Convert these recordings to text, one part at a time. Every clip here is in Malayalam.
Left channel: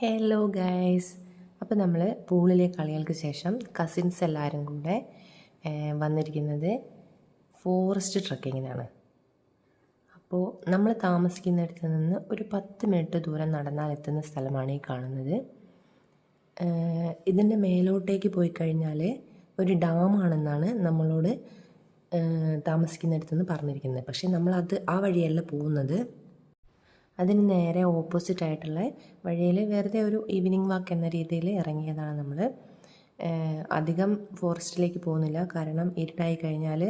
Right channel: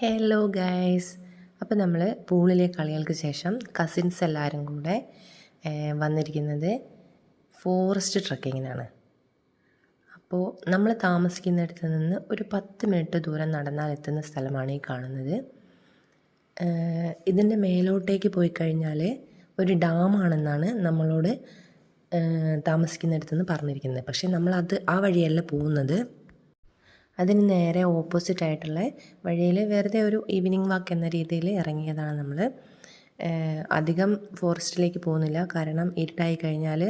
ഹലോ ഗൈസ്, അപ്പോൾ നമ്മൾ പൂളിലെ കളികൾക്ക് ശേഷം കസിൻസ് എല്ലാവരും കൂടെ വന്നിരിക്കുന്നത് ഫോറസ്റ്റ് ട്രക്കിങ്ങിനാണ്. അപ്പോൾ നമ്മൾ താമസിക്കുന്നിടത്ത് നിന്ന് ഒരു 10 മിനിറ്റ് ദൂരം നടന്നാൽ എത്തുന്ന സ്ഥലമാണ് ഈ കാണുന്നത്. ഇതിൻ്റെ മേലോട്ടേക്ക് പോയി കഴിഞ്ഞാൽ ഒരു ഡാമാണെന്നാണ് നമ്മളോട് താമസിക്കുന്നിടത്ത് നിന്ന് പറഞ്ഞിരിക്കുന്നത്. പക്ഷേ നമ്മളത് ആ വഴിയല്ല പോകുന്നത്. അതിന് നേരെ ഓപ്പോസിറ്റ് ആയിട്ടുള്ള വഴിയിൽ വെറുതെ ഒരു ഈവനിങ് വാക്ക് എന്ന രീതിയിൽ ഇറങ്ങിയതാണ് നമ്മൾ. അധികം ഫോറസ്റ്റിലേക്ക് പോകുന്നില്ല, കാരണം ഇരുട്ടായി കഴിഞ്ഞാൽ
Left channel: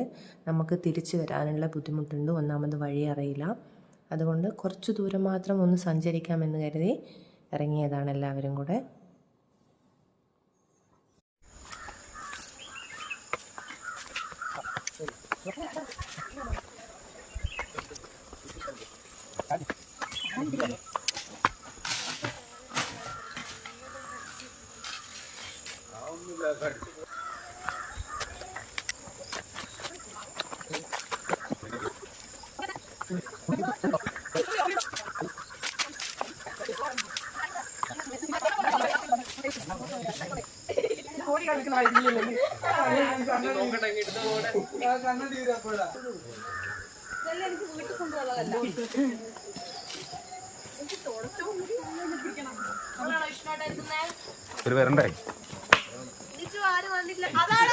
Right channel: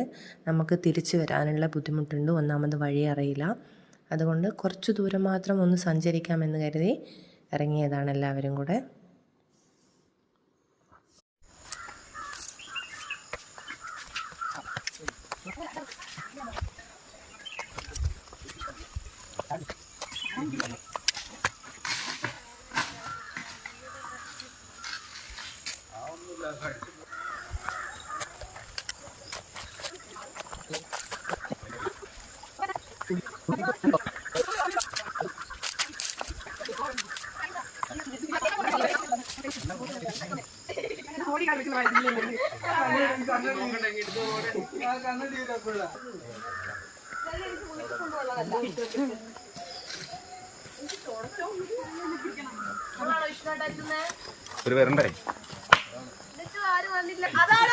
നമുക്ക് തിരിച്ചു വരാനുള്ള ബുദ്ധിമുട്ടുണ്ട്. ഒന്നാമത് വഴി അറിയില്ല. അതുകൊണ്ട് കുറച്ച് ദൂരം മാത്രം ഒന്ന് സഞ്ചരിക്കാമെന്ന് കരുതി ഇറങ്ങിയതാണ് എല്ലാവരും കൂടെ. ഒരു വരണ്ടേ അതാണ്